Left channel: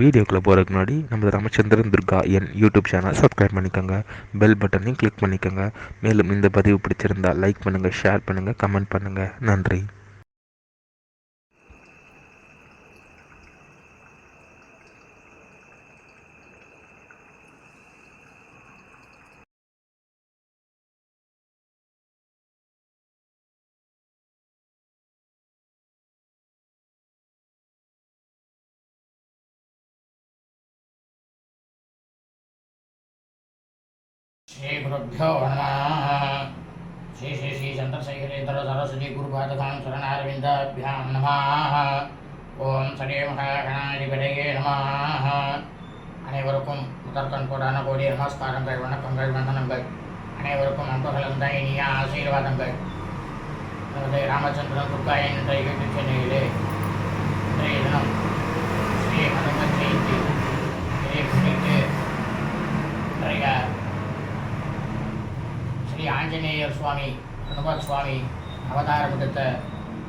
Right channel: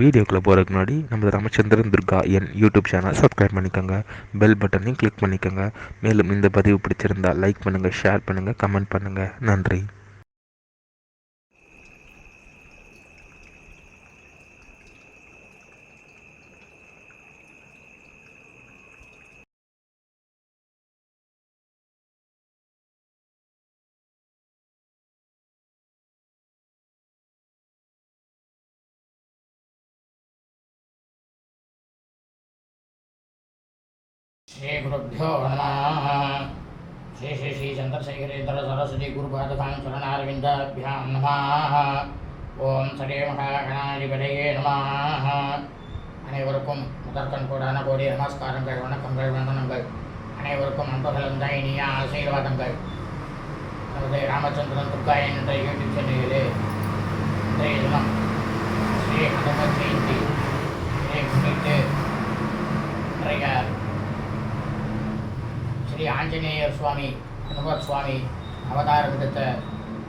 வீடியோக்குள்ளே போகிறதுக்கு முன்னாடி நம்ம ராமச்சந்திரன் துர்கா என் யூடியூப் சேனல் சப்ஸ்கிரைப் பண்ணிக்கோங்க, பெல் பட்டனையும் கிளிக் பண்ணிக்கோங்க. மேலும் இந்த பதிவு பிடிச்சிருந்தால் லைக் பண்ணுங்கள், ஷேர் பண்ணுங்கள், கமெண்ட் பண்ணுங்கள். நன்றி. श्री गुरुभ्यो नमः। श्री श्री श्री चंद्रशेखरेन्द्र सरस्वती गुरुपादकां चरणारविन्दाभ्यां नमः. ஓம் சடே மகாகணாதிபதியே நமः. அனைவருக்கும் முதற்கண் கோடான கோடி நமஸ்காரங்கள், வணக்கங்கள், வந்தனங்கள். அனைவருக்கும் அன்புகளும் இனிய ஆசீர்வாதங்கள். நமது ராமச்சந்திரன் துர்காயன் என்ற யூடியூப் சேனலிலே இன்றைய தினம் ஸ்ரீ ஹனுமன் ஜெயந்தி முன்னிட்டு இன்றைய ஸ்ரீ ஆஞ்சநேயர் சுவாமி ஹனுமத் சுவாமி அவதாரம் எடுத்த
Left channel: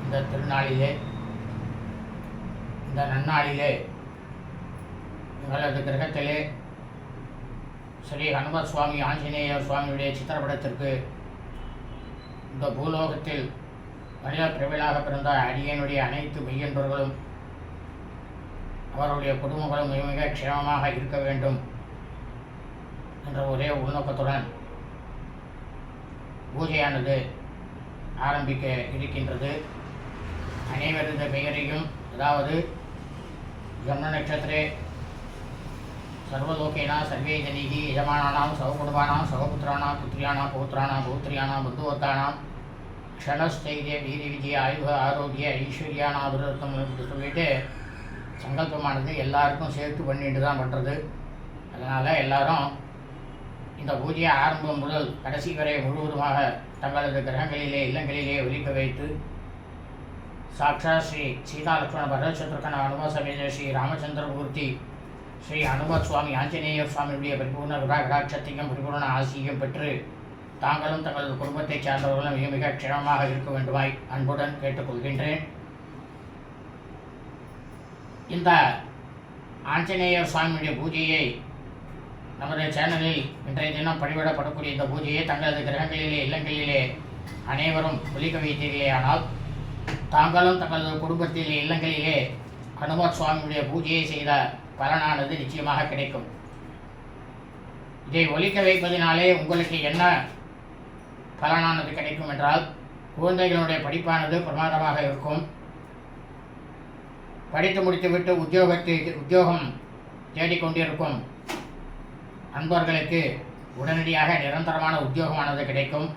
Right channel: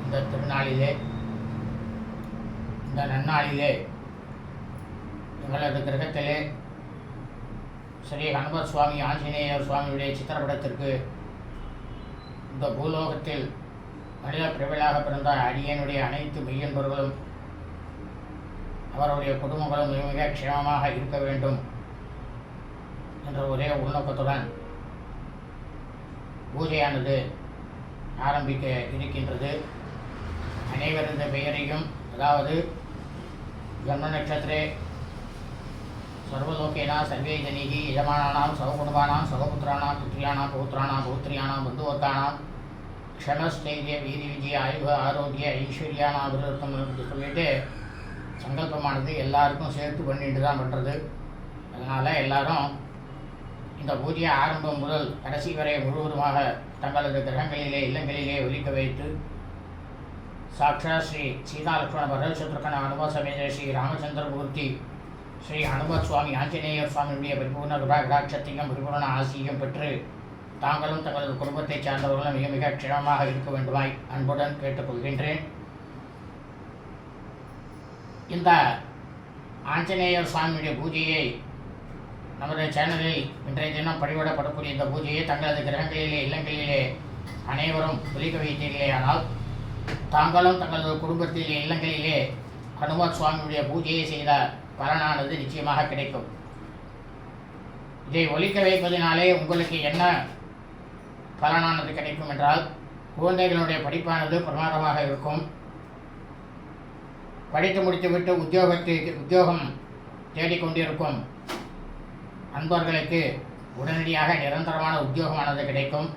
இந்த திருநாளிலே, இந்த நன்னாளிலே எங்களது கிரகத்திலே ஸ்ரீ ஹனுமத் சுவாமி ஆஞ்சநேயர் சுவாமியுடைய சித்திரப்படத்திற்கு இந்த பூலோகத்தில் மனித பிரபலாக பிறந்த அடியனுடைய அனைத்து மெய்யன்பர்களும் அவருடைய குடும்பங்களும் மிக மிக க்ஷேமமாக இருக்க வேண்டும் என்ற ஒரே உள்நோக்கத்துடன் பூஜையானது ஆரம்பிக்க இருக்கின்றது. அனைவரது பெயரையும், அதாவது ஜன்ம நட்சத்திரே சர்வலோகேனா சர்வே ஜனீகி யஜமானானாம் சககுடும்பானாம் சகபுத்திரானாம் புத்திரியானாம் பௌத்திரானாம் பௌத்திரியானாம் பந்துவக்கானாம் க்ஷணஸ்தைரிய வீரி விஜய ஆயுக ஆரோக்கிய ஐஸ்வர்யானா அபிருத்தம் என்று சொல்லிட்டு சங்கல்பமானது எல்லாருக்கும் சேர்த்து பண்ணிட்டு தான் பண்ணுறது. அதனால் எல்லாரும் இந்த பூஜையை ஆரம்பம் முதல் கடைசி வரை முழுவதுமாக தங்களது கிரகங்களிலே இல்லங்களிலே ஒலிக்க வைத்து சாட்சா ஸ்ரீ சீதாலக்ஷ்மண பரதசத்ருகன அனுபவ சமேத ஸ்ரீ ராமச்சந்திரமூர்த்தி ஸ்ரீ ஹனுமத் சுவாமி ஆஞ்சநேயர் சுவாமியுடைய பரிபூர்ண கடாட்சத்தையும் பரிபூர்ண ஆசியும் பெற்று தாங்களும் தங்களது குடும்பத்தை சார்ந்தவர்களும் மிக மிக க்ஷேமமாக இருக்க வேண்டுமாய் அன்புடன் கேட்டுக்கொள்கின்றேன். இந்த ஆஞ்சநேயர் சுவாமியுடைய பூஜையை நமது சேனலில் இன்றைய தினம் படிவிடப்படக்கூடிய இந்த பூஜையை தங்களது கிரகங்களிலே இல்லங்களிலே அனைவரும் ஒலிக்க வைத்தீர்களேயானால் தாங்களும் தங்களது குடும்பத்திலே இல்லங்களிலே ஹனுமத் சுவாமியுடைய பூஜையை செய்த பலனானது நிச்சயமாக கிடைக்கும். இதை ஒலிக்க வைப்பதினாலே உங்களுக்கு என்ன பலனானது கிடைக்கும் என்றால், குழந்தைகளுடைய படிப்பானது பிரமாதமாக இருக்கும். படித்து முடித்துவிட்டு உத்தியோகம் தேடிக்கொண்டிருக்கும் அன்பர்களுக்கு உடனடியாக நிரந்தரமான உத்தியோகமானது கிடைக்கும்.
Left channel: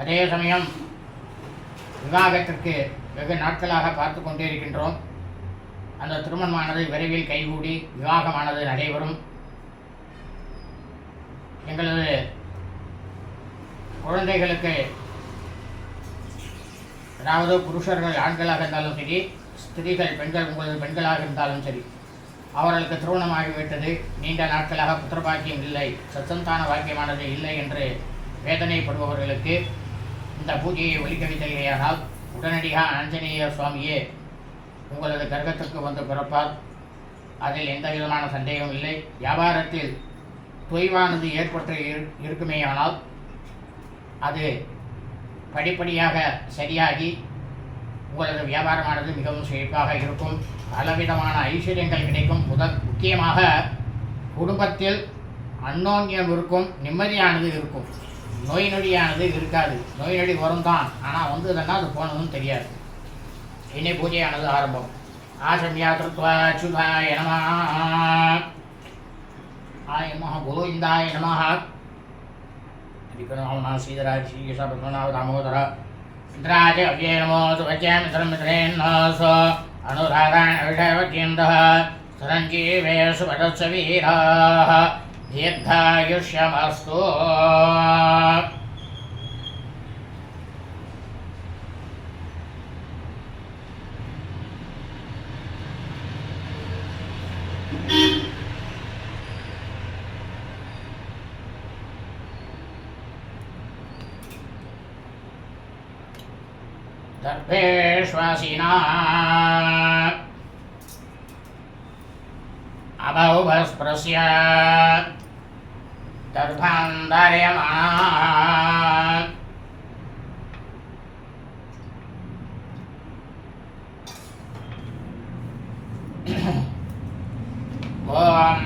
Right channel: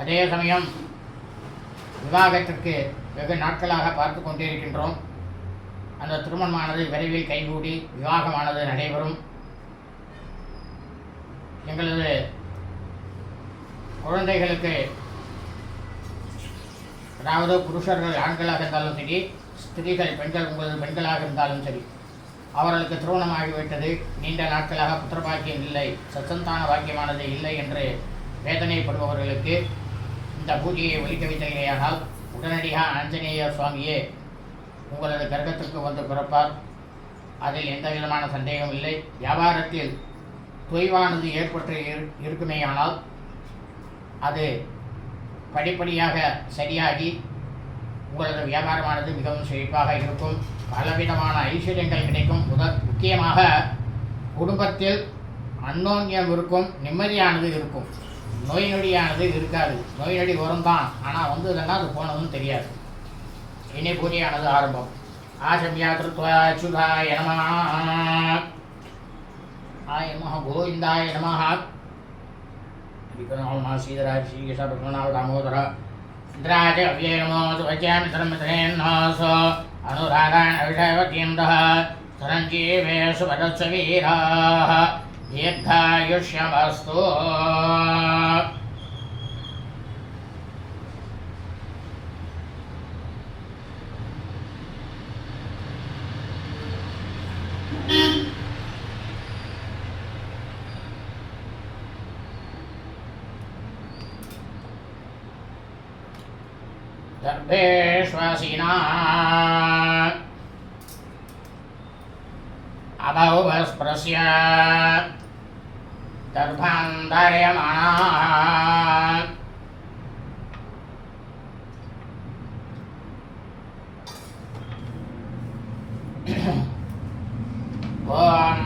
அதே சமயம் விவாகத்திற்கு வெகு நாட்களாக பார்த்து கொண்டே இருக்கின்றோம். அந்த திருமணமானது விரைவில் கைகூடி விவாகமானது நடைபெறும். எங்களது குழந்தைகளுக்கு, அதாவது புருஷர்கள் ஆண்களாக இருந்தாலும் சரி, ஸ்திரீகள் பெண்கள் உங்களது பெண்களாக இருந்தாலும் சரி, அவர்களுக்கு திருமணமாகிவிட்டது, நீண்ட நாட்களாக புத்திரபாக்கியம் இல்லை, சச்சந்தான பாக்கியமானது இல்லை என்று வேதனைப்படுபவர்களுக்கு இந்த பூஜையை ஒலிக்க வைத்தேயானால் உடனடியாக ஆஞ்சநேயர் சுவாமியே உங்களது கர்ப்பத்திற்கு வந்து பிறப்பார். அதில் எந்த விதமான சந்தேகம் இல்லை. வியாபாரத்தில் தொய்வானது ஏற்பட்டு இருக்குமேயானால் அது படிப்படியாக சரியாகி உங்களது வியாபாரமானது மிகவும் செழிப்பாக இருக்கும். பலவிதமான ஐஸ்வர்யங்கள் கிடைக்கும். முக்கியமாக குடும்பத்தில் அந்யோன்யம் இருக்கும், நிம்மதியானது இருக்கும், நோய் நொடியானது இருக்காது. நோய் நொடி வரும் தான், ஆனால் வந்ததுன்னா அது போனதும் தெரியாது. இனி பூஜையானது ஆரம்பம். ஆசம்யா திருத்வா அச்சுதாய நமஹ, ஆய நமஹ, கோவிந்தாய நமஹ, ஹரிகரநாம சீதராஜ ஸ்ரீ சபத்மநாப தாமோதர இந்திராஜ அவ்யே நமோ சுவச்சாமி தர்மத்ரேன்னோசோ அனுராதான அவிஷயவத்யந்தः சரஞ்சீவேஷு வதத்சவீராः தீர்காயுஷ்யமஸ்து. दर्भेष्वासिना अभौभस्परस्य दर्भान्धारयमाणाः ॐ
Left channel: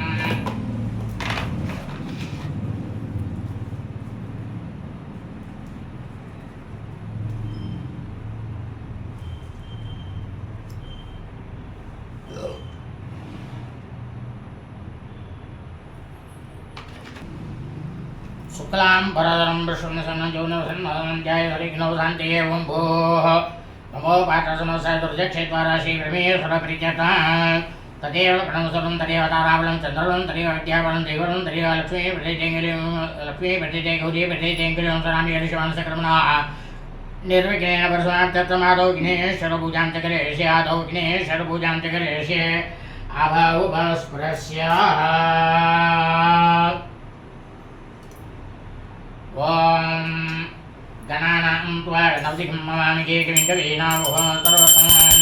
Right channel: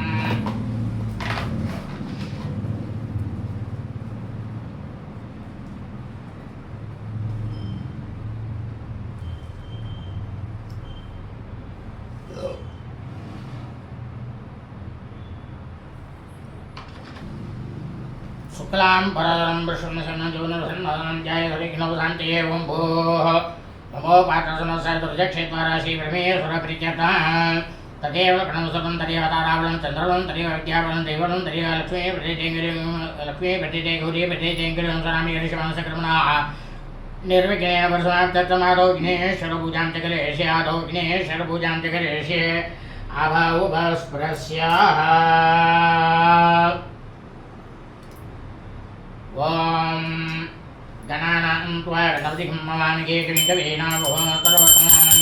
शुक्लां परधरं विष्णुसन्नजोनसन्मदनं जयहरिघ्नौशान्ति एवं भूः नमो पाठसमस्य दुर्जक्षेत्वाराशि ब्रह्मेश्वरप्रीत्यता तदेव प्रणवसुरं तदेव ताराबलं चन्द्रबलं तदेव विद्याबलं दैवबलं तदेव लक्ष्मी प्रतीते गौरी प्रतीते गिरिं सरामि हरिशवांसक्रमणाः निर्विघ्नेन परशुरामतत्त्वमादौ विघ्नेश्वरपूजां च करिष्ये आदौ विघ्नेश्वरपूजां च करिष्ये आभावुभस्परस्य ॐ गणानां त्वा गणपतिं नमामि कविं कवीनामुपमस्तरोत्तमं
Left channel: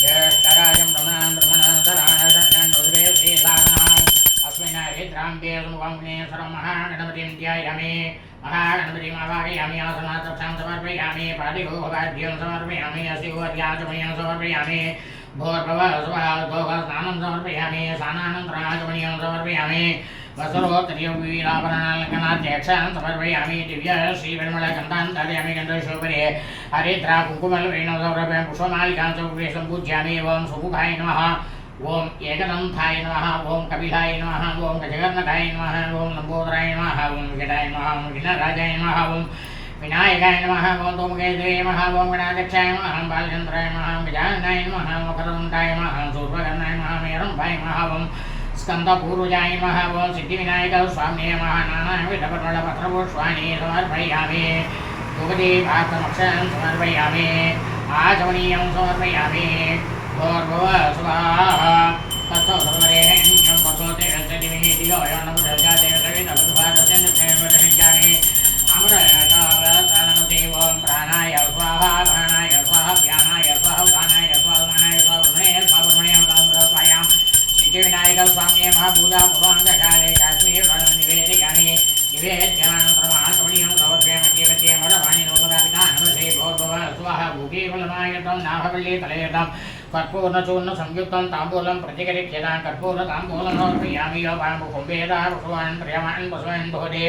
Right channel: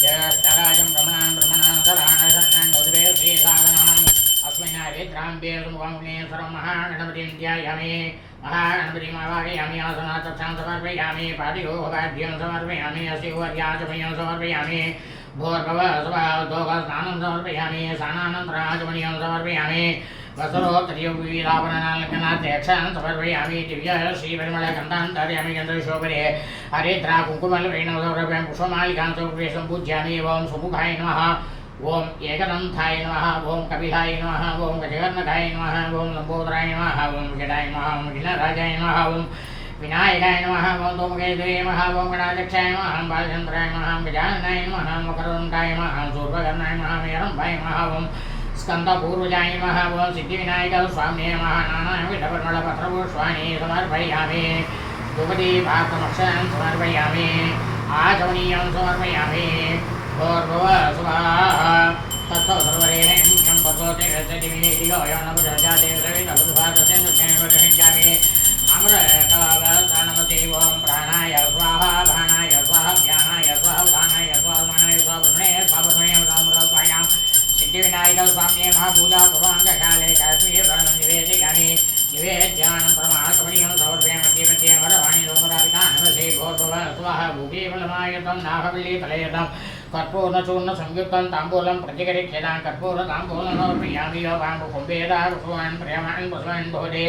ज्येष्ठराजं ब्रह्मणां उदरे श्रीसाधनाम् अस्मिन् हरिद्राम्बे सुमुखमुनेश्वरं महागणपतिं ध्यायामि महागणपतिमावाहयामि आसनार्थं समर्पयामि पादिहोभाभ्यं समर्पयामि अस्योर्याचमयं समर्पयामि भोर्भवस्नानं समर्पयामि स्नानानन्तराचमनीयं समर्पयामि वस्त्रोत्तरीयवीराभरणालङ्कनाध्यक्षान् समर्पयामि दिव्य श्रीपरिमलगन्धान् धारयामि गन्धशोभने हरिद्रा कुङ्कुमलवेणं समर्पयामि पुष्पमालिकां समर्पये सम्पूज्यामि ओं सुमुखाय नमः ओं एकदन्ताय नमः ओं कपिलाय नमः ओं गजकर्णकाय नमः ओं लम्बोदराय नमः ओं विकटाय नमः ओं विघ्नराजाय नमः ओं विनायकाय नमः ओं धूमकेतवे नमः ओं गणाध्यक्षाय नमः बालचन्द्राय नमः गजाननाय नमः मकरदण्डाय नमः शूर्पकर्णाय नमः मेरम्भाय नमः ओं स्कन्दपूर्वजाय नमः ओं सिद्धिविनायक स्वामिने नमः नानाविधपरिमलपत्रपुष्पाणि समर्पयामि धूपदीपार्थमक्षरान् समर्पयामि आचमनीयं समर्पयामि भूर्भुवस्वाहा तत्सौ सर्वरेण्यं भगवते रसदिविनीतिलो यन्नपुरजाते सवितपुरुषादस्यन्दुष्णेन्वरहिञ्चामि अमृतनमते ओं प्राणाय स्वाहा प्राणाय स्वाहा ध्यानाय स्वाहा उदानाय स्वाहा उदानाय स्वाहा ब्रह्मणे स्वाहा ब्रह्मणे अमृतामृतस्वायां सिद्धिविनायक स्वामिने महापूजा पूर्वाङ्गशाले काश्मीर निवेदयामि निवेद्यानन्तरमाचमनीयं समर्पयामि मध्ये मध्ये अमरवाणी लोकदापिता नमसे भोर्भुवः स्वाहा भूकेवलमायतं नाभवल्ली तलयतं कर्पूर्णचूर्ण संयुक्तं ताम्बूलं प्रतिकरिष्यतां कर्पूरताम्बूलं समर्पयामि योपामुकुम्भेदा पुष्पान् प्रियमान् पुष्पान् भोजे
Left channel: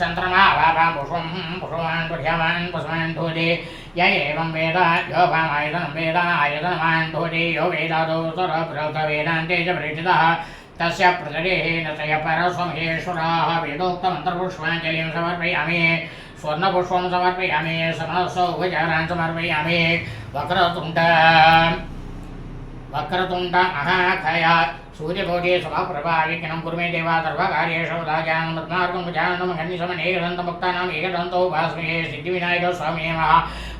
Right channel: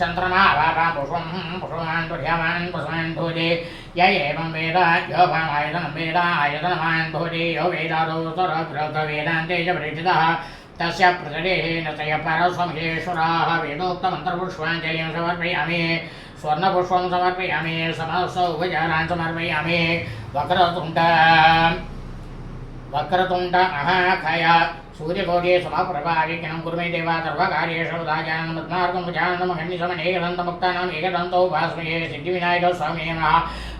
चन्द्रनाभां पुष्पान् प्रियमान् पुष्पान् भोजे य एवं वेद योपामायतनं वेद आयतनमान् भोजे यो वेदादो स्वरप्रोक्तवेदान्ते च परिचितः तस्य प्रचरेण तय परस्वमहेश्वराः वेदोक्तमन्त्रपुष्पाञ्जलिं समर्पयामि स्वर्णपुष्पं समर्पयामि समस्तौ उपचारान् समर्पयामि वक्रतुण्ड महाकाय सूर्यकोटे स्वप्रभा विघ्नं कुरु मे देवा सर्वकार्येषु दायानं पद्मार्गं गजाननं खण्डिसमनेकदन्तमुक्तानाम् एकदन्तौ भास्मये सिद्धिविनायक स्वामिने नमः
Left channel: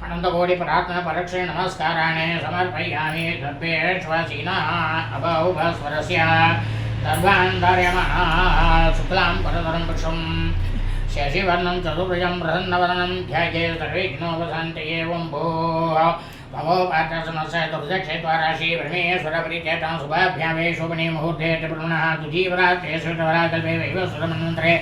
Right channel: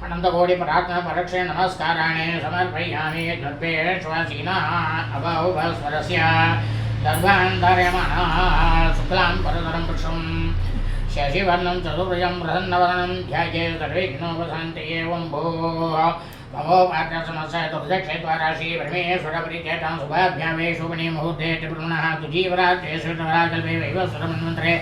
अनन्तकोटिप्रार्थना परोक्षे नमस्काराणि समर्पयामि द्रव्येष्वासीनः अभौभस्वरस्य सर्वान् धारयमाणाः शुक्लां परधरं पुरुषं शशिवर्णं चतुर्भुजं प्रसन्नवदनं ध्यायेत् सर्वविघ्नोपशान्तये एवं भूः ममो पात्रसमस्य दुर्दक्षेत्वाराशि ब्रह्मेश्वरप्रीत्यर्थं शुभाभ्यामे शोभने मुहूर्ते त्रिपुर्मणः तुजीवरात्रे श्रुतवराकल्पे वैवस्वरमन्वन्तरे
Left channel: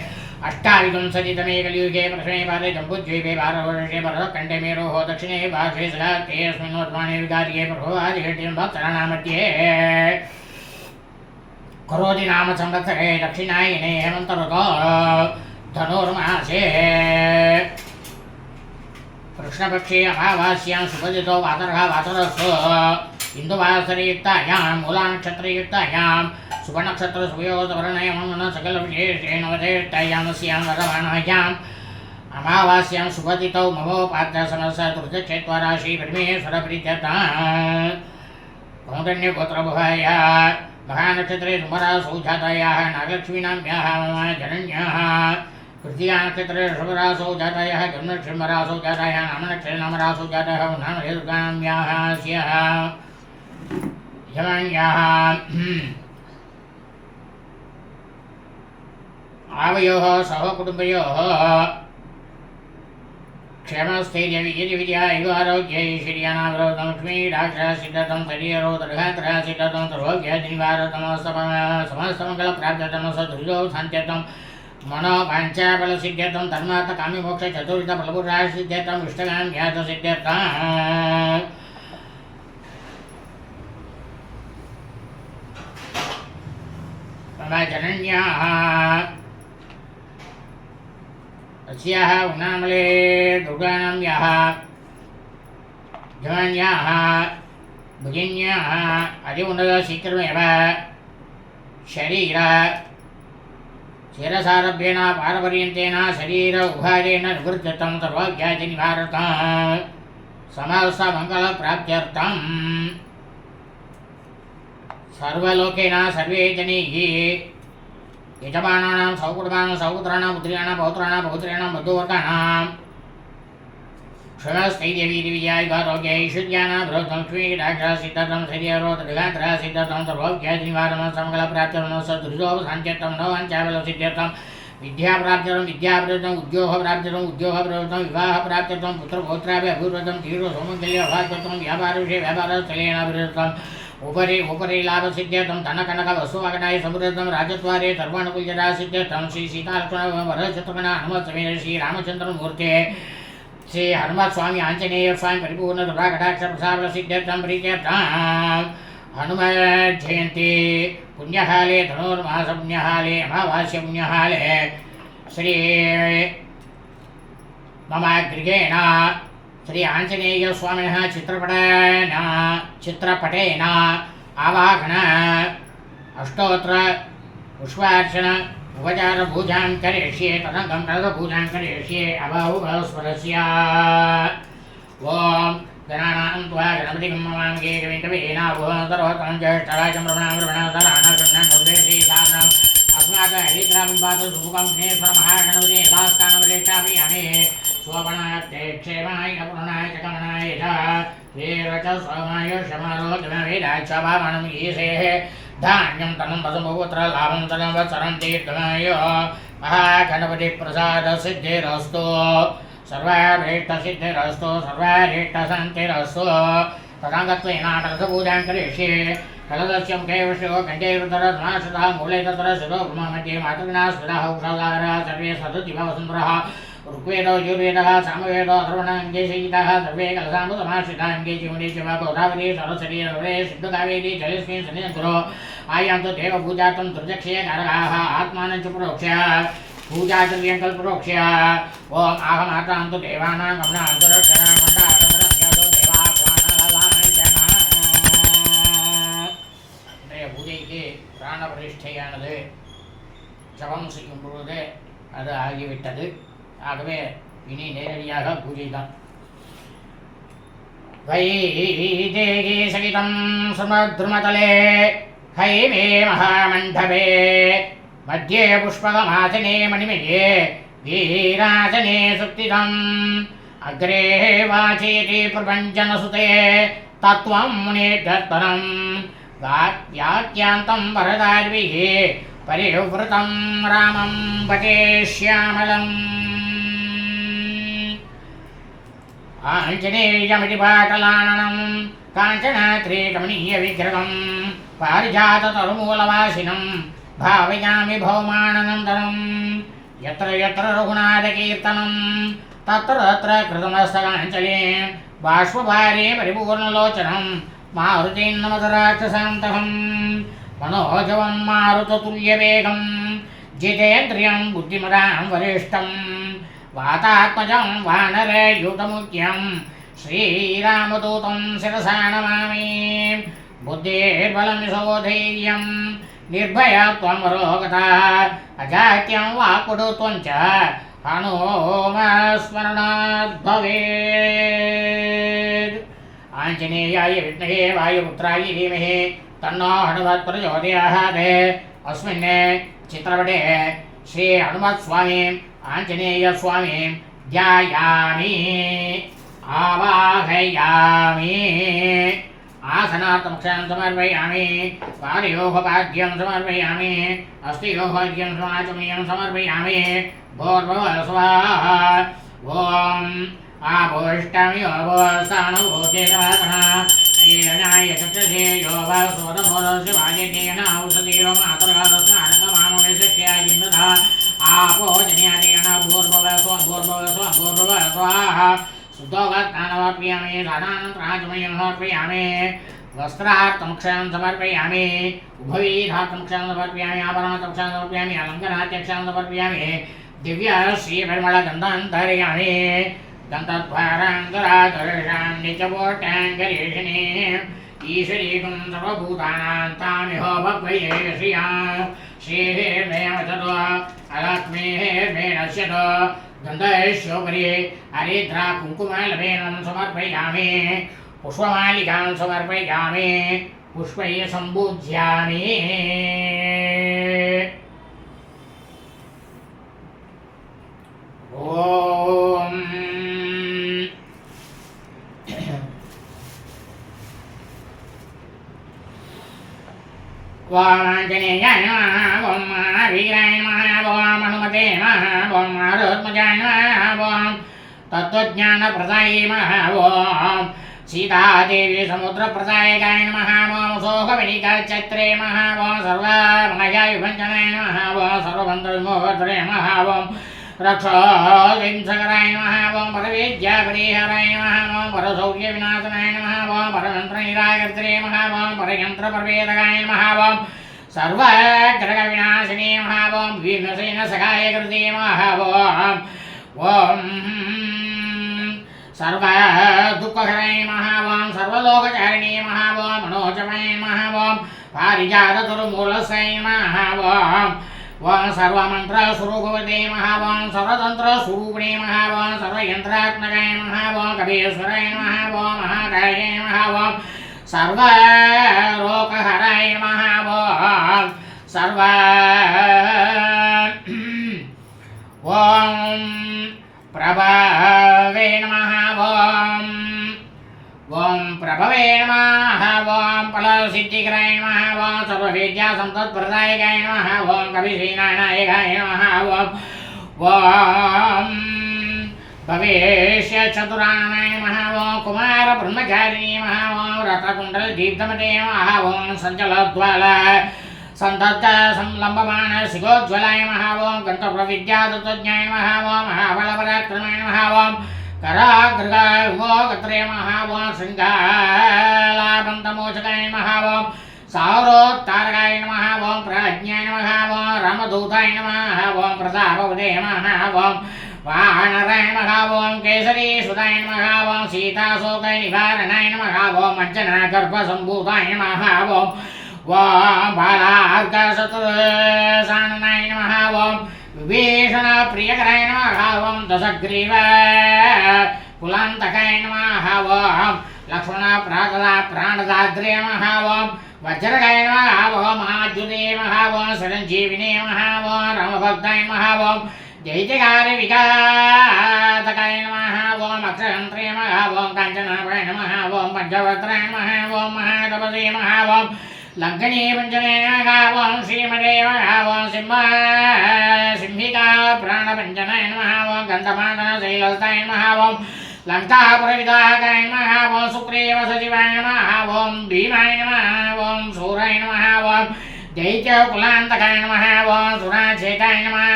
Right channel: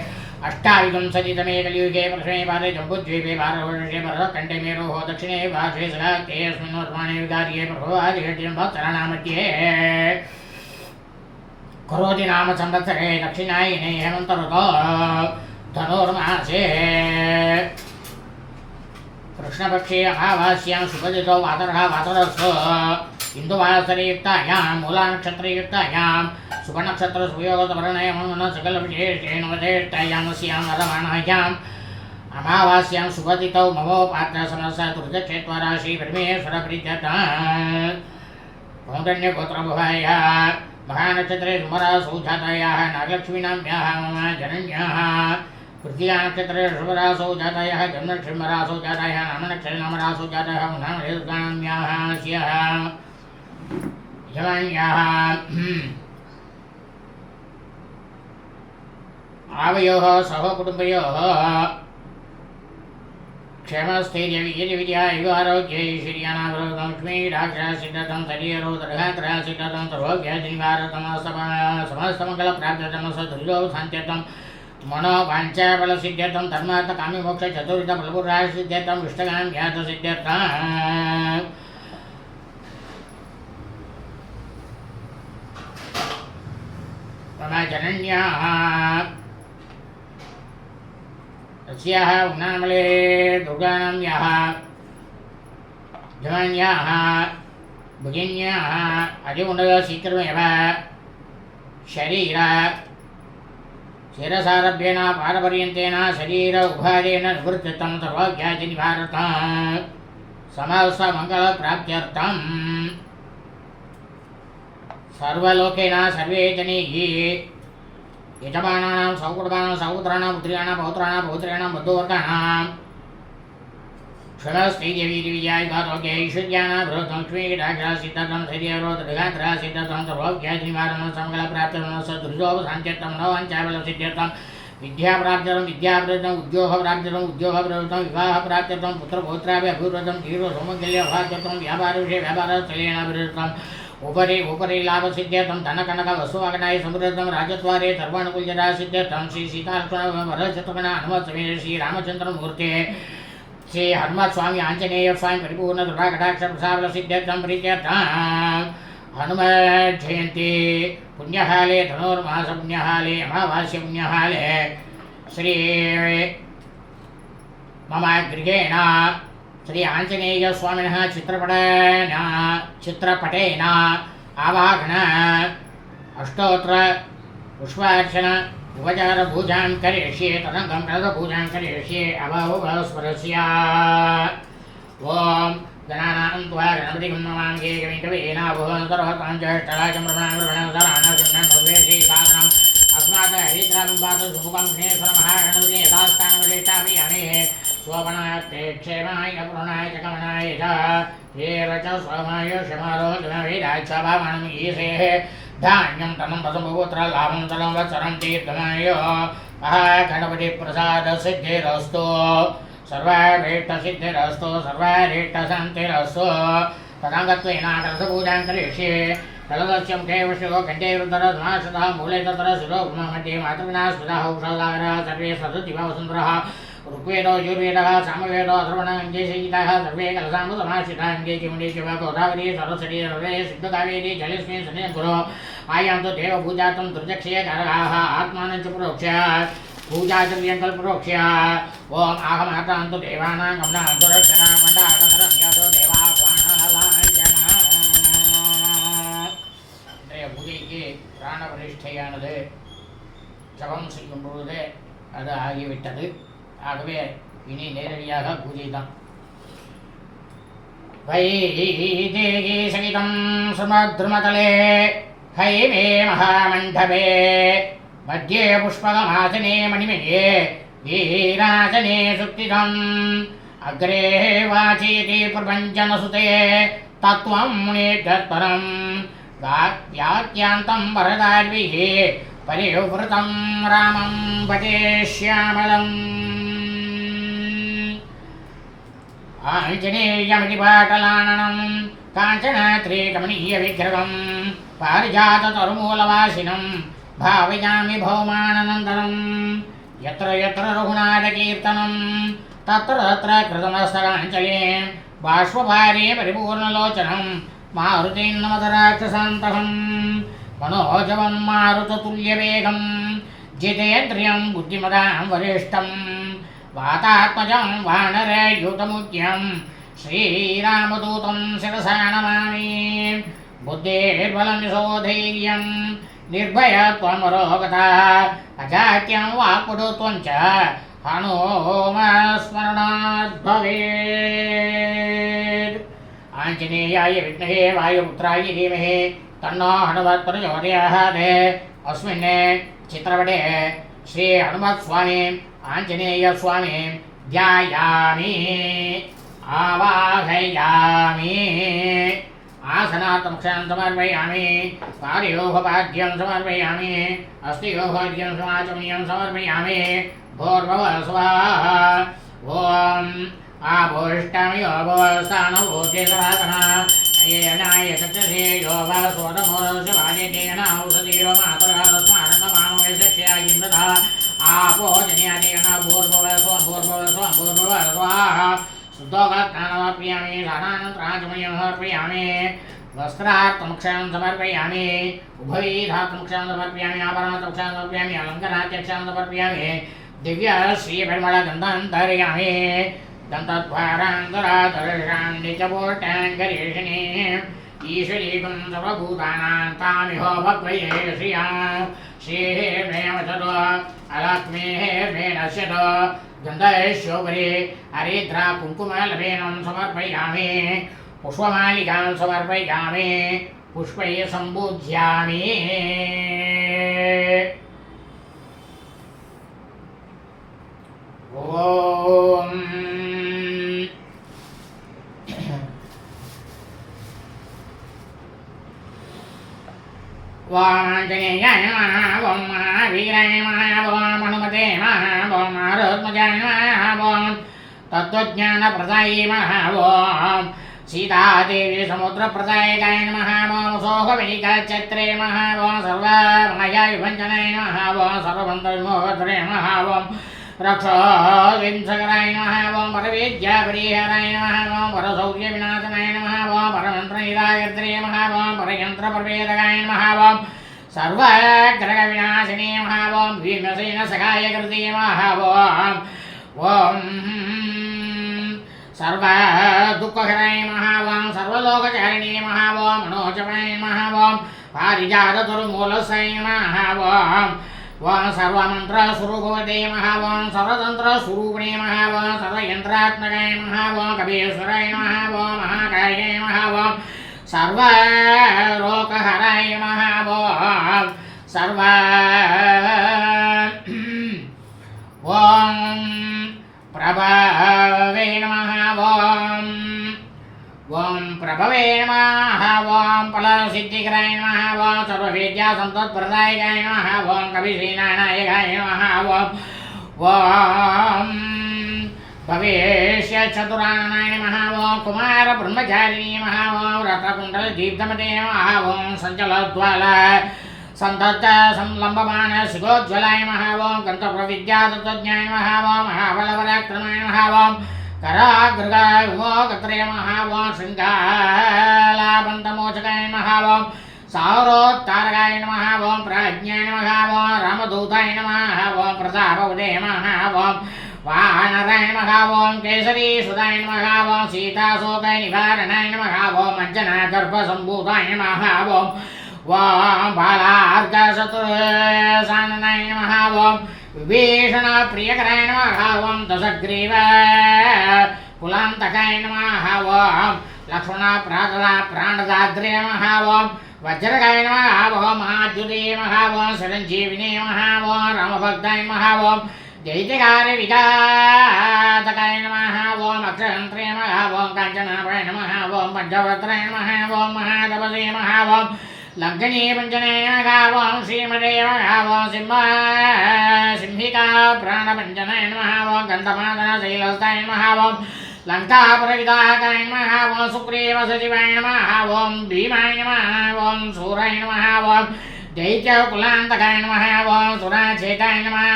अष्टाविंशतितमे कलियुगे प्रथमे पादे जम्बुद्वीपे भारतवर्षे भरतखण्डे मेरोः दक्षिणे पार्श्वे सलाक्ते अस्मिन् वर्तमाने विकार्ये प्रभवादिघट्यं भक्तराणामध्ये करोति नाम संवत्सरे दक्षिणायने हेमन्तऋतो धनुर्मासे कृष्णपक्षे अमावास्यां सुपदितो वातरः वातरस्तु इन्दुवासरयुक्तायां मूलानक्षत्रयुक्तायां सुवर्णक्षत्रसुयोगवर्णयमन सकलविशेषेण वधेष्टायामस्यां वरवाणायाम् अमावास्यां सुपदितौ ममोपात्रसमस्य दुर्दक्षेत्वाराशि ब्रह्मेश्वरप्रीत्यर्थं कौण्डन्यगोत्रभुवाय महानक्षत्रे सुमरासौ जातायाः नागलक्ष्मीनाम्याः मम जनन्याः कृतिकानक्षत्रे ऋषभरासौ जातायाः जन्मलक्ष्मीमरासौ जातायाः नामनक्षत्रे नामरासौ जातायाः नामहेतुर्गानाम्याः स्याः यमन्याः आवयोः सह कुटुम्बयोः क्षेमस्थैर्यवीर्यविद्यायुगारोग्यैश्वर्याणाविरोधं लक्ष्मीडाक्षरसिद्धतं शरीरोदरघात्रसिद्धतं सर्वज्ञादिनिवारतं सदुर्यो शान्त्यतं मनोवाञ्छाबलसिद्ध्यर्थं धर्मार्थकामिमोक्षचतुर्विधफलपुरासिद्ध्यर्थम् इष्टकाम्यार्थसिद्ध्यर्थम् मम जनन्याः अस्याः उन्नामले दुर्गानाम्याः जनन्याः भगिन्याः अधिमुण्डशीघ्रमेव शरीर शिरसारभ्येन पारपर्यन्तेन शरीर उभादेन निवृत्तं सर्वव्याधिनिवारतं समस्तमङ्गलप्राप्त्यर्थं सर्वलोकेन सर्वे जनैः यजमानानां सौकुटुम्बानां सौपुत्राणां पुत्र्याणां पौत्राणां पौत्र्याणां बन्धुवर्गाणां क्षणस्थैर्यवीर्यविद्यायुगारोग्यैश्वर्याणां लक्ष्मीडाक्षरसिद्धतं शरीरोदरघात्रसिद्धतं सर्वव्याधिनिवारणं समङ्गलप्राप्त्यर्थं सदुर्योपशान्त्यर्थं मनोवाञ्छाबलसिद्ध्यर्थं विद्याप्राप्त्यर्थं विद्याप्रवृत्तं उद्योगप्राप्त्यर्थं उद्योगप्रवृत्तं विवाहप्राप्त्यर्थं पुत्रपौत्राभिवृद्धं तीव्रसौमङ्गल्यभाग्यर्थं व्यापारविषये व्यापारत्रयेणाभिवृद्धम् उपरि लाभसिद्ध्यर्थं धनकनकवस्तुवागणाय समृद्धं राजद्वारे सर्वानुकूल्यता सिद्ध्यर्थं श्री सीतालक्ष्मण हनुमत्समेत श्रीरामचन्द्रमूर्ते श्री हनुमत्स्वामी आञ्जनेय स्वामी परिपूर्ण दुर्गाकटाक्षप्रसादसिद्ध्यर्थं प्रीत्यर्थं हनुमज्जयन्ती पुण्यकाले धनुर्मास पुण्यकाले अमावास्य पुण्यकाले श्री मम गृहेण श्री आंजनेय स्वामिनः चित्रपटेन आवाहन अष्टोत्तर पुष्पार्चन उपचार पूजां करिष्ये तदङ्गं पूजां करिष्ये अबाहुबलस्वरस्य ॐ गणानां त्वा गणपतिं ममाङ्गे कविकवीनाभुवनतरोहतं ज्येष्ठराजं श्रीसाधनम् अस्मात् हरिद्राबिम्बात् सुमुखं स्नेहस्वरमहागणपति यथास्थानवदिष्ठापयामि स्वपनाय क्षेमाय पूर्णाय च कमनाय च श्रीरचस्वमाय शमारोगमवेदाय च भावनं ईशेः धान्यं तनं पदमुपुत्र लाभं तनवत्सरं दीर्घमाय महागणपतिप्रसादसिद्धिरस्तु सर्वाभीष्टसिद्धिरस्तु सर्वाभीष्टशान्तिरस्तु तदाङ्गत्वेन कलशपूजां करिष्ये कलशस्य मुखे विष्णुः कण्ठे रुद्रः मूले तत्र शिरो मध्ये मातृगणा स्मृतः उषासागरः सर्वे सदुदिवसुन्दरः ऋग्वेदो यजुर्वेदः सामवेदो अथर्वणाङ्गे संहिताः सर्वे कलशामुसमाश्रिताङ्गे चिमुण्डे शिव गोदावरी सरस्वती सर्वे सिद्धकावेरी जलेस्मिन् सन्निधकुरु आयान्तु देवपूजार्थं दुर्जक्षये कारकाः आत्मानं च प्रोक्ष्य पूजाचर्यं कल्परोक्ष्य ॐ आहमातान्तु देवानां गमनान्तु रक्षणामण्डारकरं यादो देवाह्वानलाञ्जना இன்றைய பூஜைக்கு பிராண பிரதிஷ்டையானது ஜபம் செய்யும் பொழுது அது ஆகிவிட்டது. ஆகவே இனி நேரடியாக பூஜை தான். வைதேகி சகிதம் சுமத்ருமதலே ஹைமே மகாமண்டபே मध्ये पुष्पकमासने मणिमये वीरासने सुप्तितम् अग्रे वाचेति प्रपञ्चनसुते तत्त्वं मुनेभ्यत्परम् व्याख्यान्तं वरदाद्भिः परिवृतं रामं भजे श्यामलम् आञ्जनेयमिति पाटलाननं काञ्चनात्रिकमनीयविग्रहं पारिजाततरुमूलवासिनं भावयामि भौमानन्दनं यत्र यत्र रघुनाथकीर्तनं तत्र तत्र कृतमस्तकाञ्जलिं बाष्पभारे परिपूर्णलोचनं मारुतिं नमत राक्षसान्तकं मनोजवं मारुततुल्यवेगं जितेन्द्रियं बुद्धिमतां वरिष्ठं वातात्मजं वानरयूतमुख्यं श्रीरामदूतं शिरसा नमामि बुद्धेर्बलं यशोधैर्यं निर्भयत्वमरोगता अजात्यं वाक्पटुत्वं च हनुमस्मरणात् भवेत्। आञ्जनेयाय विद्महे वायुपुत्राय धीमहि तन्नो हनुमत् प्रचोदयात्। अस्मिन् चित्रपटे श्री हनुमत्स्वामी आञ्जनेयस्वामी ध्यायामि आवाहयामि आसनार्थं समर्पयामि पादयोगपाद्यं समर्पयामि अस्थियोगपाद्यं समाचमनीयं समर्पयामि भोर्भुवः स्वाहा। ॐ आभोष्टमियो भोस्थानभोचेतरातः येनाय चक्षसे यो वा स्वतमोदस्य भाजकेन औषधीरो मातरः तस्मारङ्गमामवेशक्ष्यायिन्दधः आपो जन्यादेन भूर्भुवः स्वाहा शुद्धोगत्नानवप्रियामि दानानन्तराजमयं समर्पयामि वस्त्रार्थमक्षयं समर्पयामि उभयधार्थमक्षयं समर्पयामि आभरणमक्षयं समर्पयामि अलङ्करात्यक्षयं समर्पयामि दिव्य श्रीपरिमलगन्धान् धारयामि दन्तद्वारान्तरादर्शां नित्यपोटाङ्गरीषिणीम् ईश्वरीकुं सर्वभूतानां तामिह भक्वये श्रिया श्रीर्मे वचतो अलक्ष्मीर्मे नश्यतो गन्धैश्योपरि हरिद्रा कुङ्कुमलवेनं समर्पयामि पुष्पमालिकां समर्पयामि पुष्पैः सम्पूज्यामि ॐ वामाञ्जनेयाय नमः ॐ महावीराय नमः ॐ हनुमते नमः ॐ मारुत्मजाय नमः ॐ तत्त्वज्ञानप्रदायै नमः ॐ सीतादेवी समुद्रप्रदायकाय नमः ॐ शोकविनिकचत्रे नमः ॐ सर्वमायाविभञ्जनाय नमः ॐ सर्वबन्धविमोहत्रे नमः ॐ रक्षोविंसकराय नमः ॐ परवेद्यापरिहराय नमः ॐ परसौख्यविनाशनाय नमः ॐ परमन्त्रनिराकर्त्रे नमः ॐ परयन्त्रप्रवेदकाय नमः ॐ सर्वग्रहविनाशिने नमः ॐ भीमसेनसखायकृते नमः ॐ सर्वदुःखहराय नमः ॐ सर्वलोकचारिणे नमः ॐ मनोजवाय नमः ॐ पारिजाततरुमूलसाय नमः ॐ सर्वमन्त्रस्वरूपवते नमः ॐ सर्वतन्त्रस्वरूपिणे नमः ॐ सर्वयन्त्रात्मकाय नमः ॐ कबीरस्वराय नमः ॐ महाकायाय नमः ॐ सर्वरोगहराय नमः ॐ सर्व ॐ प्रभवे नमः ॐ प्रभवे नमः ॐ फलसिद्धिकराय नमः ॐ सर्वविद्यासम्पत्प्रदायकाय नमः ॐ कविसेनानायकाय नमः ॐ भवेष्यचतुराननाय नमः ॐ कुमारब्रह्मचारिणे नमः ॐ रथकुण्डलदीप्तमते नमः ॐ सञ्चलद्वाल संलम्बमान शिखोज्ज्वलाय नमः ॐ गन्तप्रविद्यातत्त्वज्ञाय नमः ॐ महाबलपराक्रमाय नमः ॐ करागृगाय उमोगत्रे नमः ॐ शृङ्गालाबन्धमोचकाय नमः ॐ सौरोत्तारकाय नमः ॐ प्राज्ञाय नमः ॐ रामदूताय नमः ॐ प्रतापवदे नमः ॐ वानराय नमः ॐ केसरीसुताय नमः ॐ सीताशोकाय निवारणाय नमः ॐ अञ्जनागर्भसम्भूताय नमः ॐ बालार्कशत्रुसाननाय नमः ॐ विभीषणप्रियकराय नमः ॐ दशग्रीव कुलान्तकाय नमः ॐ लक्ष्मणप्राणदाद्रे नमः ॐ वज्रकाय नमः ॐ महाद्युते नमः ॐ चिरञ्जीविने नमः ॐ रामभक्ताय नमः ॐ जयजयकार्यविघातकाय नमः ॐ अक्षयन्त्रे नमः ॐ काञ्चनाभाय नमः ॐ पञ्चवक्त्राय नमः ॐ महातपसे नमः ॐ लङ्कनीपञ्चने नमः ॐ श्रीमते नमः ॐ सिंहिका प्राणपञ्चनाय नमः ॐ गन्धमादनशैलस्ताय नमः ॐ लङ्कापुरविदाहकाय नमः ॐ सुग्रीवसचिवाय नमः ॐ भीमाय नमः ॐ शूराय नमः ॐ दैत्यकुलान्तकाय नमः ॐ सुराचेताय नमः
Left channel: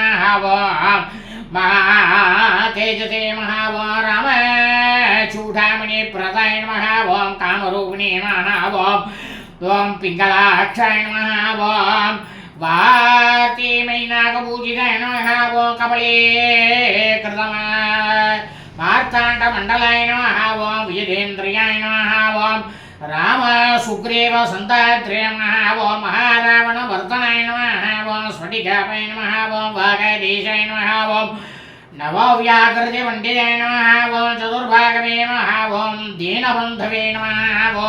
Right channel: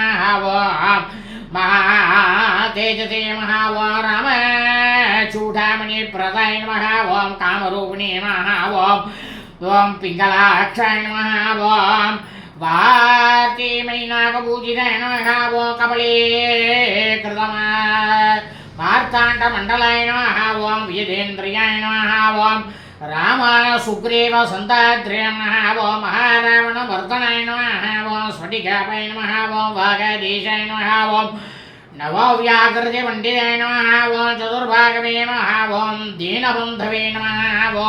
ॐ महातेजसे नमः ॐ रामचूडामणिप्रदाय नमः ॐ कामरूपिणे नमः ॐ पिङ्गलाक्षाय नमः ॐ वार्तिमयीनागपूजिताय नमः ॐ कमले मार्ताण्डमण्डलाय नमः ॐ विजितेन्द्रियाय नमः ॐ राम सुग्रीव सन्तात्रे नमः ॐ महारावणमर्दनाय नमः ॐ स्फटिकापाय नमः ॐ वागीशाय नमः ॐ नवव्याकृतिपण्डिताय नमः ॐ चतुर्भागवे नमः ॐ दीनबन्धवे नमः ॐ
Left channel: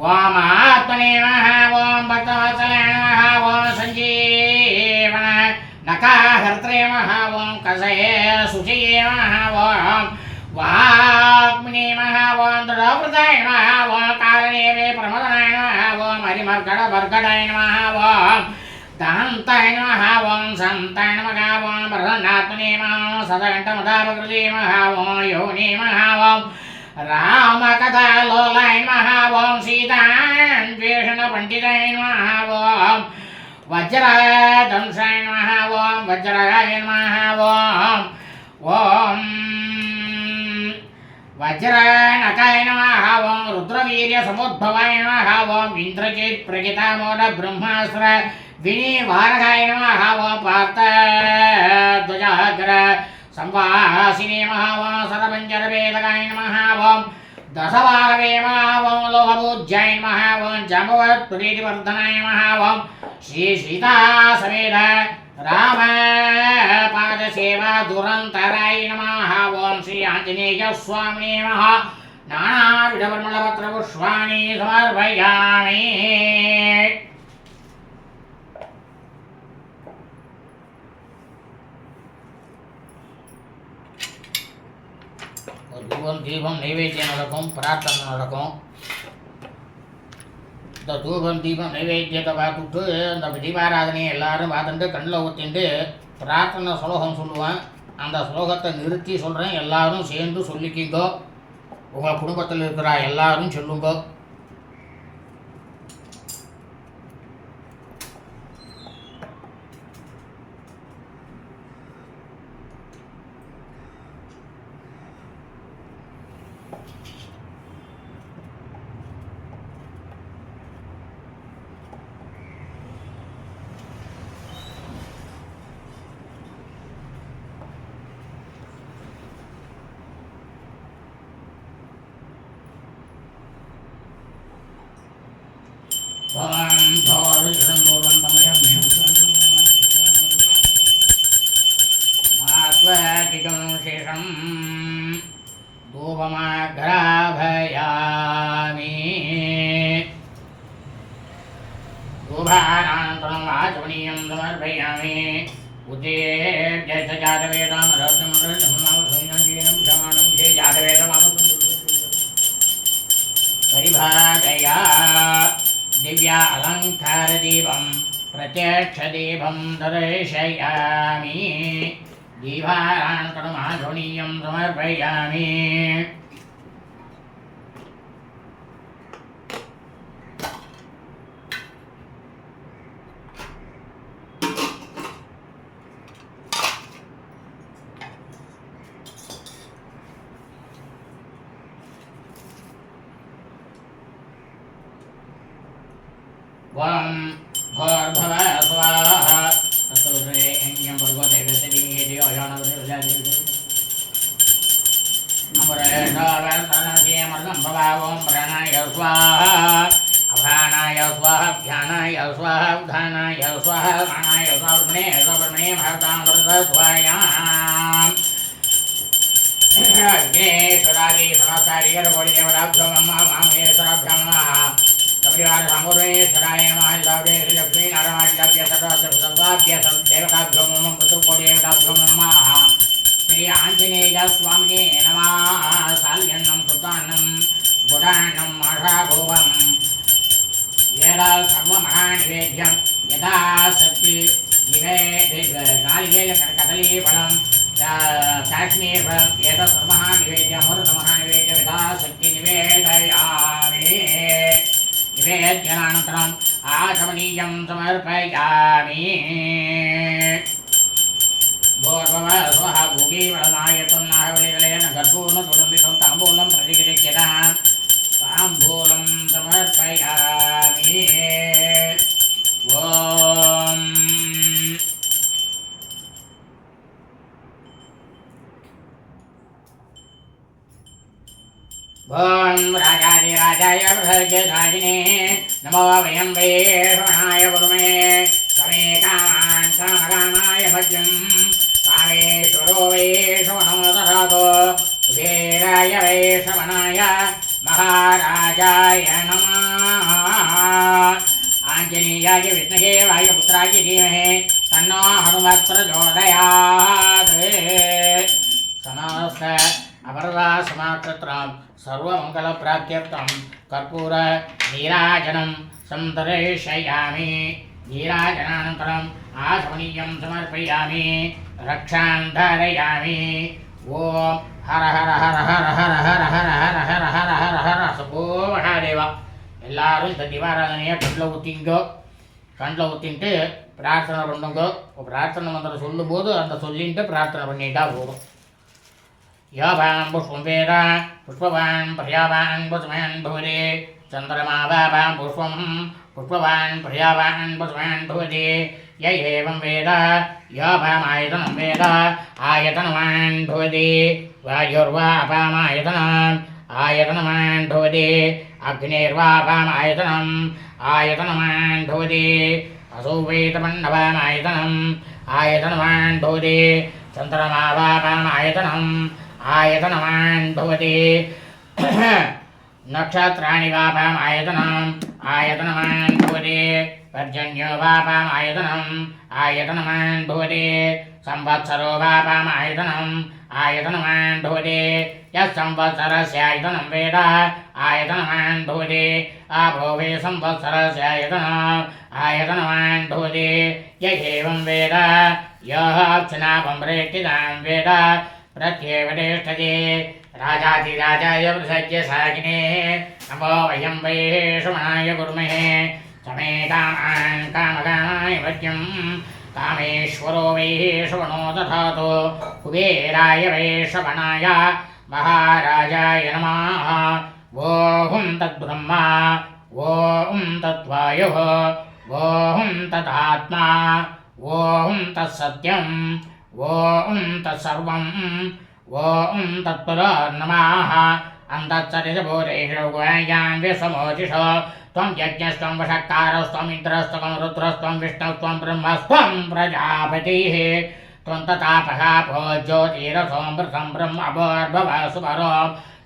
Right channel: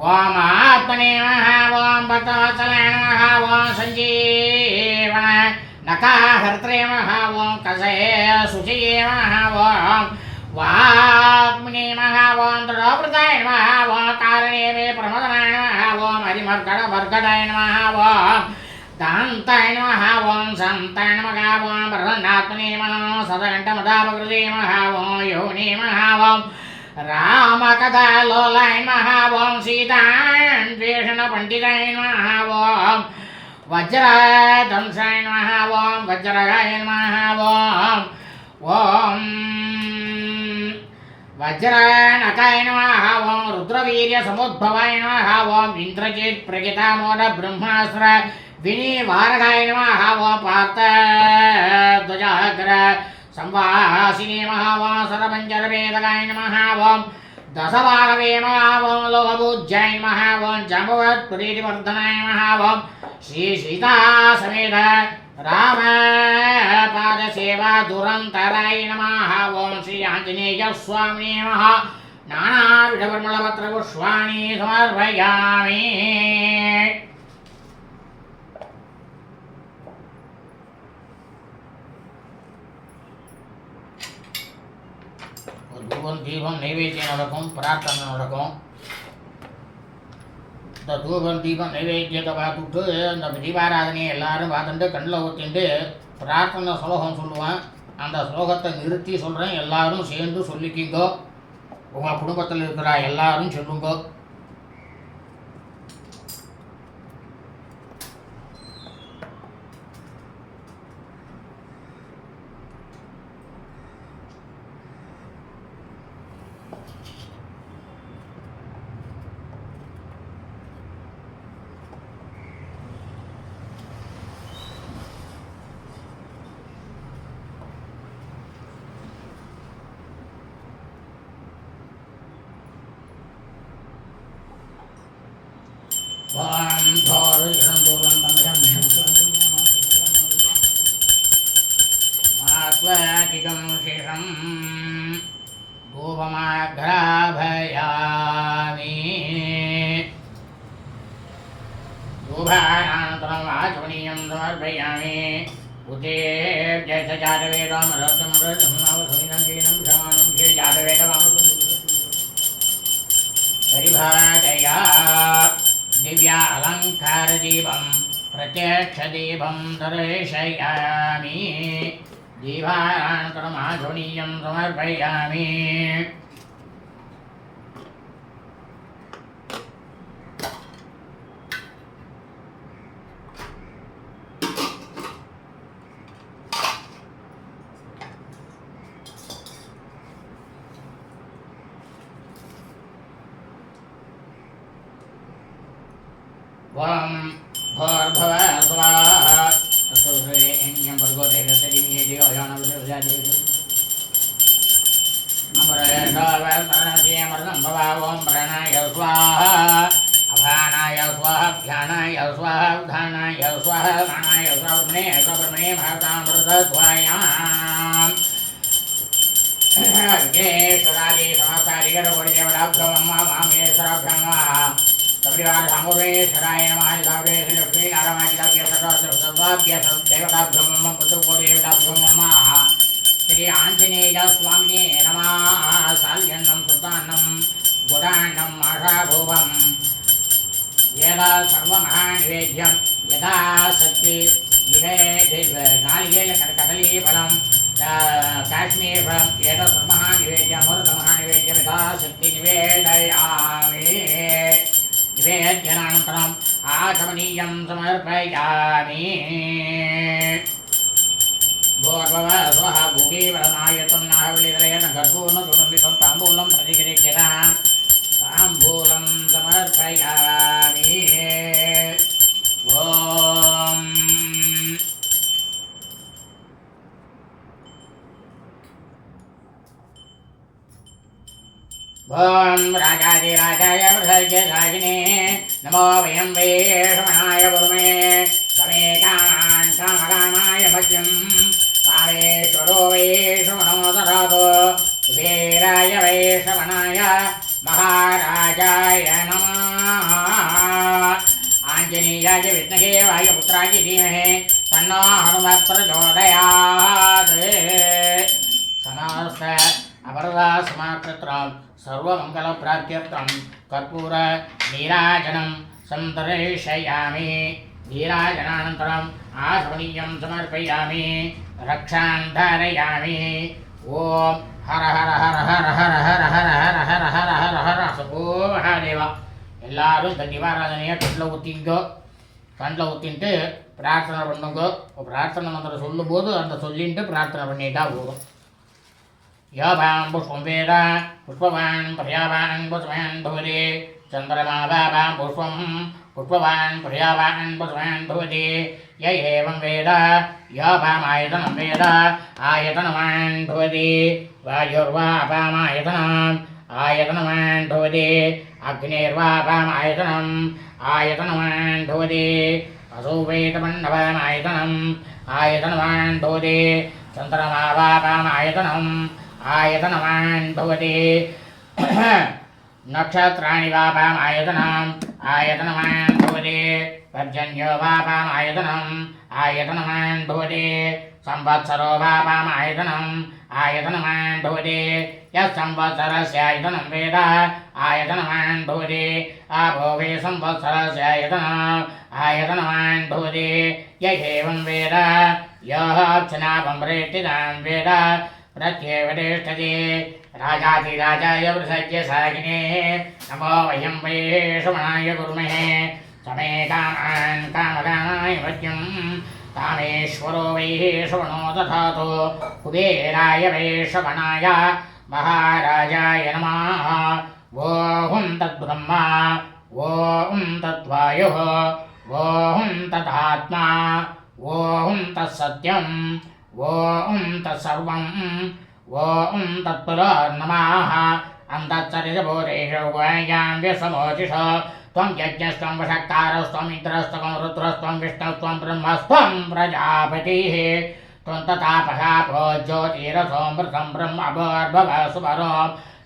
वामात्मने नमः ॐ भक्तवत्सलाय नमः ॐ सञ्जीवन नकाहर्त्रे नमः ॐ कषये शुचये नमः ॐ वाग्मिने नमः ॐ दृढव्रताय नमः ॐ कारणे मे प्रमदनाय नमः ॐ हरिमर्गडवर्गडाय नमः ॐ तान्ताय नमः ॐ सन्ताय नमः ॐ प्रसन्नात्मने नमः सदघण्टमदापकृते नमः ॐ योनि नमः ॐ रामकथालोलाय नमः ॐ सीतान्वेषणपण्डिताय नमः ॐ वज्रदंसाय नमः ॐ वज्रगाय नमः ॐ वज्रनकाय नमः ॐ रुद्रवीर्यसमुद्भवाय नमः ॐ इन्द्रजित् प्रगितामोद ब्रह्मास्त्र विनिवारकाय नमः ॐ पार्थध्वजाग्र संवासिने नमः ॐ सरपञ्चरवेदकाय नमः ॐ दशवाहवे नमः ॐ लोहपूज्याय नमः ॐ जाम्बवत्प्रीतिवर्धनाय नमः ॐ श्री सीतासमेत राम पादसेवा दुरन्तराय नमः ॐ श्री आञ्जनेयस्वामिने नमः नानाविधपरिमलपत्रपुष्पाणि समर्पयामि தூபம் தீபம் நைவேத்தியம் நடக்கும், பிரார்த்தனை நடக்கும். இந்த தூபம் தீபம் நைவேத்தியத்தை பார்த்துட்டு இந்த தீபாராதனையை எல்லாரும் பார்த்துட்டு கண்ணில் ஊற்றிட்டு பிரார்த்தனை ஸ்லோகம் சொல்லுவேன். அந்த ஸ்லோகத்தை நிறுத்தி சொல்கிறேன், எல்லாரும் சேர்ந்து சொல்லிக்கிங்கோ. உங்கள் குடும்பத்தில் இருக்கிற எல்லாரும் சொல்லுங்கோ. मात्वाकिकं शेषं धूपमाघ्राभयामि धूपानान्तरम् आचमनीयं समर्पयामि उद्देश्य जातवेदं रसमृतं क्षमानं शे जातवेदमामकुं परिभाषया दिव्या अलङ्कारदीपं प्रत्यक्षदीपं दर्शयामि दीपानन्तरम् आचमनीयं समर्पयामि वं भोर्भव स्वाहा ततोरे एन्यं भर्गो देवतरिणे देवयानवृजादिविदे अमरेशावर्तनसे अमृतं भवावं प्राणाय स्वाहा अभानाय स्वाहा ध्यानाय स्वाहा उद्धानाय स्वाहा प्राणाय स्वाहा ब्रह्मणे भारतामृतस्वायाम् विघ्नेश्वरादि समस्तादिगरकोटिदेवताभ्यो नमः वामकेश्वराभ्यो परिवार सांगोरेश्वराय नमः लक्ष्मी नारायणाय सर्वाभ्य देवताभ्यो नमः पितृकोटिदेवताभ्यो नमः श्री आंजनेय स्वामिने नमः साल्यन्नं सुतान्नं गुडान्नं आशाभूवं यदा सर्वमहानिवेद्यं यदा शक्ति नारिकेलकदलीफलं काश्मीरफलं एतत् सर्वमहानिवेद्यं अमृतमहानिवेद्यं यदा शक्ति निवेदयामि निवेद्यानन्तरम् आचमनीयं समर्पयामि भोर्भव स्वः भूगीवलमायतं नाहवलिदलेन गर्भूर्णचूर्णमितं ताम्बूलं प्रतिगृह्यतां ताम्बूलं समर्पयामि ॐ ॐ राजाधिराजाय बृहज्जराजिने नमो वयं वैश्वनाय गुरुमे समेकान्तामरामाय भज्यं कामेश्वरो वैश्वनो ददातु कुबेराय वैश्वनाय महाराजाय नमः आञ्जनेयाय विद्महे वायुपुत्राय धीमहि तन्नो हनुमत् प्रचोदयात् समस्त अपरदा समाकृत्रं सर्वमङ्गलप्राप्त्यर्थं कर्पूर नीराजनं सन्दर्शयामि नीराजनानन्तरम् आचमनीयं समर्पयामि रक्षां धारयामि ॐ हर हर हर हर हर हर हर हर हर हर हर हर சுபோ மகாதேவா. எல்லாரும் இந்த தீபாராதனையை கண்ணில் ஊற்றின்ட்டு பிரார்த்தனை பண்ணுங்க. பிரார்த்தனை மந்திரம் சொல்லும்போது அந்த சொல்லிட்டு பிரார்த்தனை பண்ணிட்டா போதும். யாபாம் புஷ்பம் வேத புஷ்பவான் பிரியாவான் புஷ்மான் பவதி சந்திரமாவாபாம் புஷ்பம் புஷ்பவான் பிரியாவான் புஷ்மான் பவதி ய ஏவம் வேத யாபாமாயதனம் வேத ஆயதனவான் பவதி வாயுர்வாபாமாயதனம் ஆயதனவான் பவதி அக்னிர்வாபாமாயதனம் ஆயதனவான் பவதி असो वेदमण्डवामायतनम् आयतनवान् भवति चन्द्रमावापामायतनम् आयतनवान् भवति नक्षत्राणि वापामायतनम् आयतनवान् भवति पर्जन्यो वापामायतनम् आयतनवान् भवति संवत्सरो वापामायतनम् आयतनवान् भवति यः संवत्सरस्यायतनं वेद आयतनवान् भवति आपो वे संवत्सरस्यायतनम् आयतनवान् भवति य एवं वेद यः अर्चनापम्प्रेष्ठितां वेद प्रत्येव तिष्ठति राजाधिराजाय प्रसज्य सागिने नमो वयं वै श्रवणाय कुर्महे समे कामान् कामकामाय मह्यं कामेश्वरो वै श्रवणो दधातु कुबेराय वै श्रवणाय महाराजाय नमः ॐ तद्ब्रह्मा ॐ तद्वायुः ॐ तदात्मा ॐ तत्सत्यम् ॐ तत्सर्वम् ॐ तत्पुनर्नमः अन्तःसरितभूतेषु गुहायां विश्वमोचिष त्वं यज्ञस्त्वं वषट्कारस्त्वम् इन्द्रस्त्वं रुद्रस्त्वं विष्णुस्त्वं ब्रह्मस्त्वं प्रजापतिः त्वं तथापहापो ज्योतिरसोऽमृतं ब्रह्मभोर्भव सुपरो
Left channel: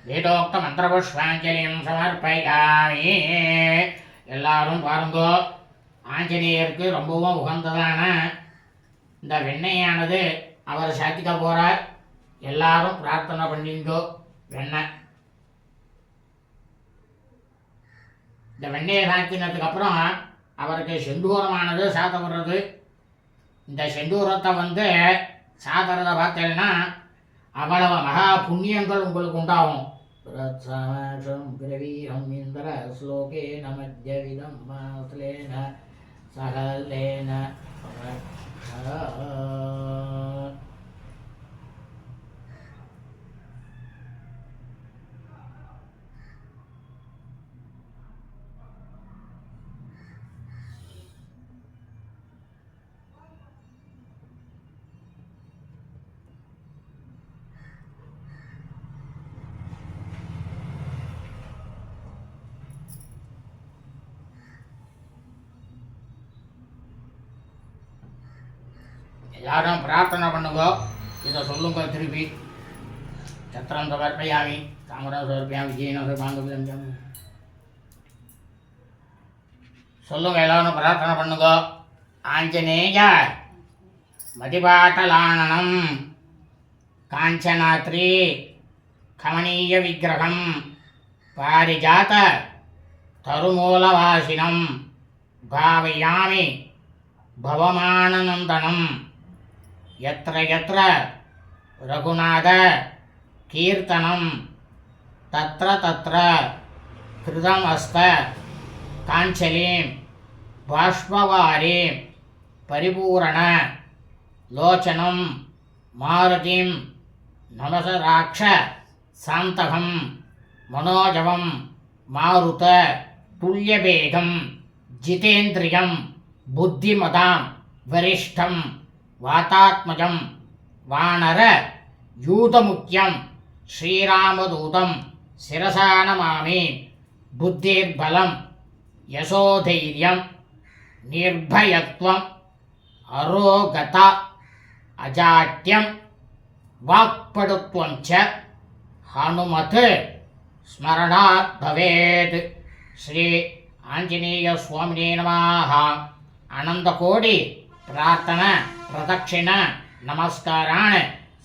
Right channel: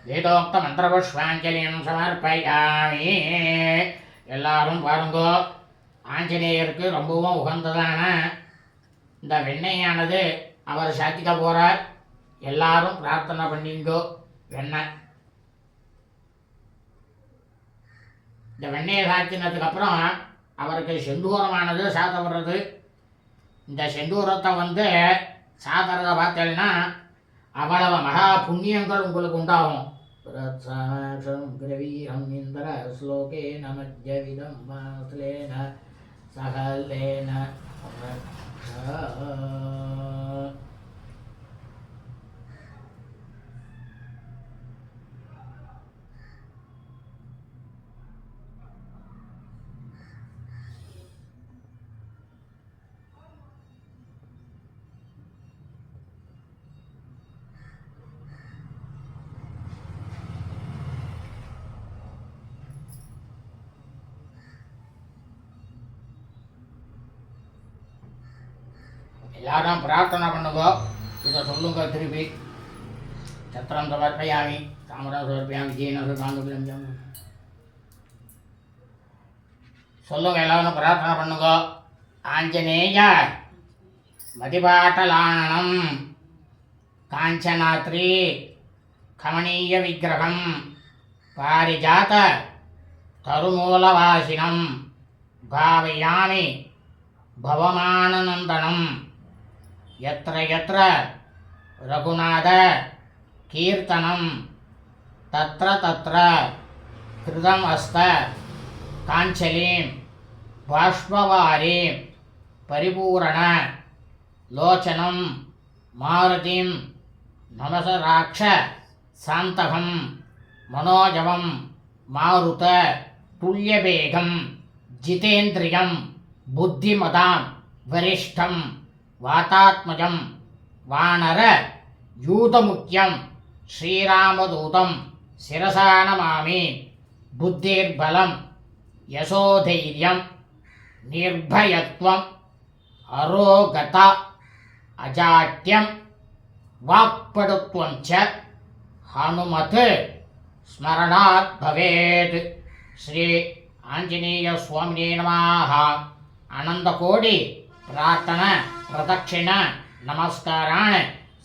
வேதோக்தமந்திரபுஷ்பாஞ்சலியும் சமர்ப்பயாமி. எல்லாரும் பாருங்கோ, ஆஞ்சநேயருக்கு ரொம்பவும் உகந்ததான இந்த வெண்ணெயானது அவர் சாத்திக்க போகிறார். எல்லாரும் பிரார்த்தனை பண்ணிங்கோ. இந்த வெண்ணெயை சாத்தினதுக்கு அப்புறம் அவருக்கு செந்தூரமானது சாத்தப்படுறது. இந்த செந்தூரத்தை சாத்துறதை பார்த்தேன்னா அவ்வளவு மகா புண்ணியங்கள் உங்களுக்கு உண்டாகும். கிரவீரம் இந்திர ஸ்லோகேன மத்யவிதம் மாஸ்லேன சகலேன எல்லாரும் பிரார்த்தனை பண்ணுங்க. இதை சொல்லுங்க திருப்பி. சத்திரம் சமர்ப்பயாமி தாமரம் சமர்ப்பயாமி ஜீனம் சமர்ப்பாங்க சொல்லுங்க. எல்லாரும் பிரார்த்தனை பண்ணுங்க. ஆஞ்சநேய மதிபாட்டலானனம் காஞ்சனாத்ரி கமனீய விக்கிரகம் பாரிஜாத தருமூலவாசினம் பாவயாமி பவமானநந்தனம் यत्र यत्र रघुनाथ कीर्तनं तत्र तत्र कृतम् अस्त काञ्चलीं बाष्पवारीं परिपूर्ण लोचनं मारुतिं नमस राक्ष शान्तकं मनोजवं मारुत तुल्यवेगं जितेन्द्रियं बुद्धिमतां वरिष्ठं वातात्मजं वानर यूतमुख्यं श्रीरामदूतं शिरसा नमामि बुद्धिर्बलं यशोधैर्यं निर्भयत्वम् अरोगता अजाट्यं वाक्पटुत्वं च हनुमत् स्मरणात् भवेत्. श्री आंजनेय स्वामिने नमः. अनंतकोटि प्रार्थना प्रदक्षिण நமஸ்காரான்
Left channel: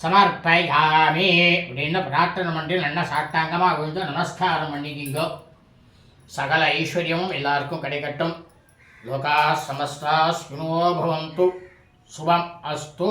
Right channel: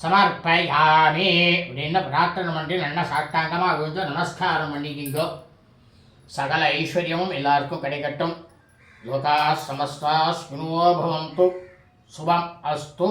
சமர்ப்பயாமி அப்படின்னு பிரார்த்தனை பண்ணி நல்லா சாட்டாங்கமாக விழுந்து நமஸ்காரம் பண்ணிக்கிங்கோ. சகல ஐஸ்வர்யமும் எல்லாருக்கும் கிடைக்கட்டும். लोकाः समस्ताः सुखिनो भवन्तु शुभम् अस्तु.